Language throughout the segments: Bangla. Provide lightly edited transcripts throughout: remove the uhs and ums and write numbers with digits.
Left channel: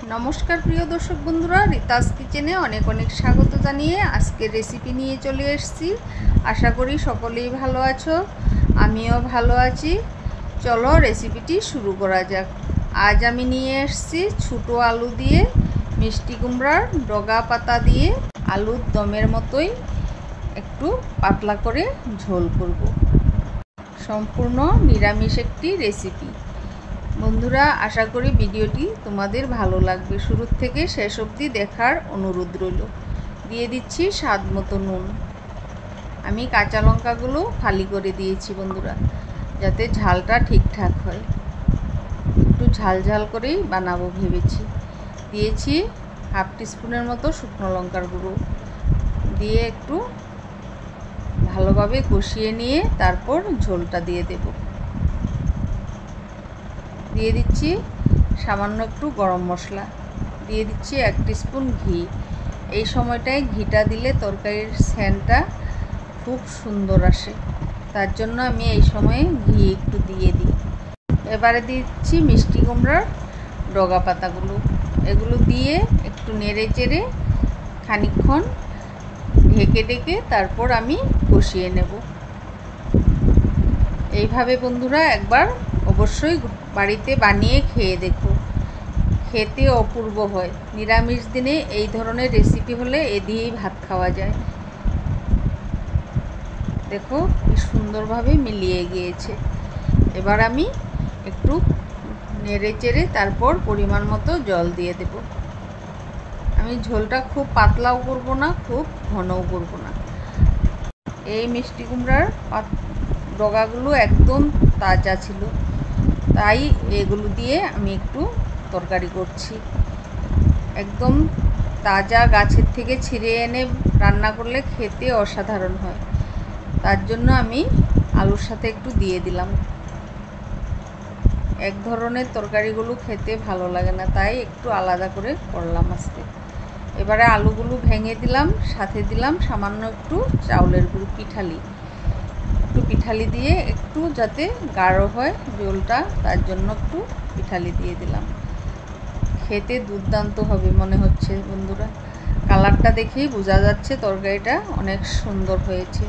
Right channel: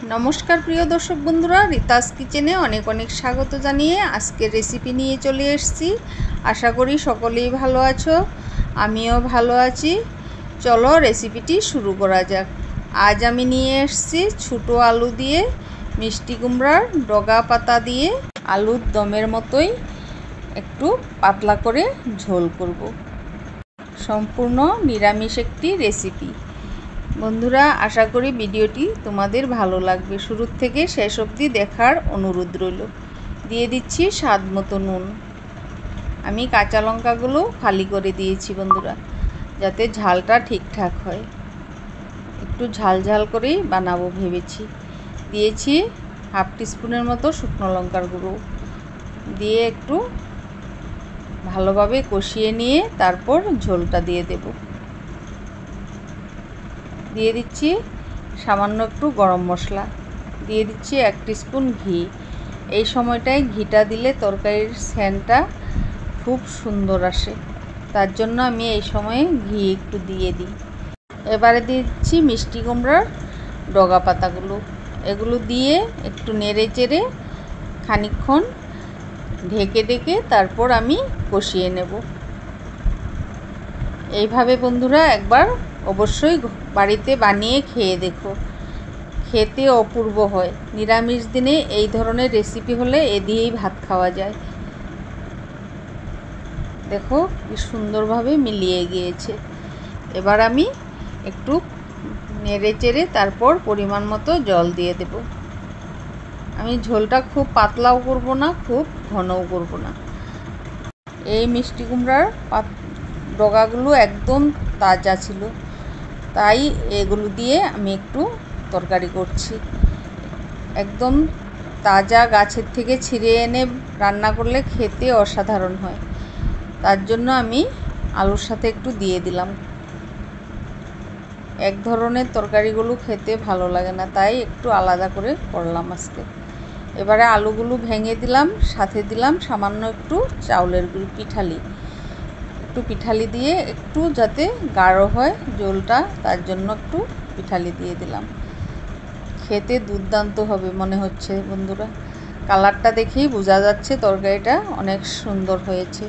नमस्कार प्रिय दर्शक बंधुरा रीतास किचेने अनेक अनेक स्वागत जानिए आजके रेसिपि निये चले एसेछि। आशा करी सकलेई भालो आछो, आमिओ भालो आछि। चलो रेसिपिटी शुरू करा जाक। आज आमी निये एसेछि छोटो आलू दिए मिष्टि कुमड़ार डगा पाता दिए आलुर दमेर मतोई एकटू पातला करे झोल करब। सम्पूर्ण निरामिष एकटी रेसिपि। बंधुरा आशा करी भिडियोटी तुम्हादेर भालो लागबे। शुरू थेके शेष अब्दि देखार अनुरोध रइल। दिए दिচ্ছি स्वाद मतो नुन। आमी काँचा लंकागुलो फाली करे दिएछि बंधुरा, जाते झालटा ठीकठाक हय। एकटू झाल झाल करेई बानाबो भेबेछि। दिएछि हाफ टीस्पुनेर मतो शुकनो लंकार गुঁড়ো दिए एकटू भालोभाবে कषिয়ে নিয়ে तारपर झोलटा दिए देब। दिए दिচ্ছি सामान्य एकटू गरम मशला, दिए दिচ্ছি 1 टीस्पुन घी। এই সময়টায় ঘিটা দিলে তরকারির সেন্টটা খুব সুন্দর আসে, তার জন্য আমি এই সময়ে ঘি একটু দিয়ে দিই। এবারে দিচ্ছি মিষ্টি কুমড়ার ডগা পাতাগুলো, এগুলো দিয়ে একটু নেড়ে চেড়ে খানিকক্ষণ ঢেকে ঢেকে তারপর আমি কষিয়ে নেব। এইভাবে বন্ধুরা একবার অবশ্যই বাড়িতে বানিয়ে খেয়ে দেখো, খেতে অপূর্ব হয়। নিরামিষ দিনে এই ধরনের রেসিপি হলে এ দিয়েই ভাত খাওয়া যায়। দেখো কি সুন্দরভাবে মিলিয়ে গিয়েছে। এবার আমি একটু নেড়ে চেড়ে তারপর পরিমাণ মতো জল দিয়ে দেব। আমি ঝোলটা খুব পাতলাও করব না, খুব ঘনও করব না। এই মিষ্টি কুমড়ার ডগাগুলো একদম তাজা ছিল, তাই এগুলো দিয়ে আমি একটু তরকারি করছি। একদম তাজা গাছের থেকে ছিঁড়ে এনে রান্না করলে খেতে অসাধারণ হয়, তার জন্য আমি আলুর সাথে একটু দিয়ে দিলাম। এক ধরনের তরকারিগুলো খেতে ভালো লাগে না, তাই একটু আলাদা করে করলাম আজকে। এবারে আলুগুলো ভেঙে দিলাম, সাথে দিলাম সামান্য একটু চাউলের গুঁড়ো পিঠালি। একটু পিঠালি দিয়ে একটু যাতে গাঢ় হয় ঝোলটা, তার জন্য একটু পিঠালি দিয়ে দিলাম। খেতে দুর্দান্ত হবে মনে হচ্ছে বন্ধুরা, কালারটা দেখেই বোঝা যাচ্ছে তরকারিটা অনেক সুন্দর হয়েছে।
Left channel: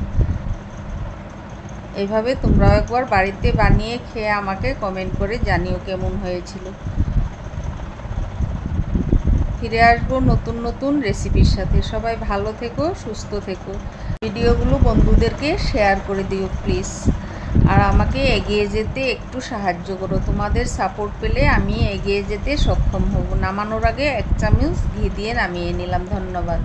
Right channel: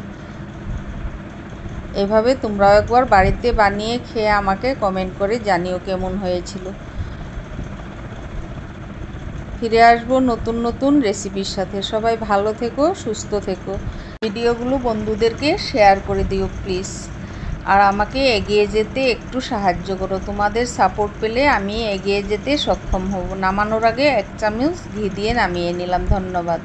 এইভাবে তোমরাও একবার বাড়িতে বানিয়ে খেয়ে আমাকে কমেন্ট করে জানিও কেমন হয়েছিল। ফিরে আসবো নতুন নতুন রেসিপির সাথে। সবাই ভালো থেকো, সুস্থ থেকো। ভিডিওগুলো বন্ধুদেরকে শেয়ার করে দিও প্লিজ, আর আমাকে এগিয়ে যেতে একটু সাহায্য করো। তোমাদের সাপোর্ট পেলে আমি এগিয়ে যেতে সক্ষম হব। নামানোর আগে 1 চামচ ঘি দিয়ে নামিয়ে নিলাম। ধন্যবাদ।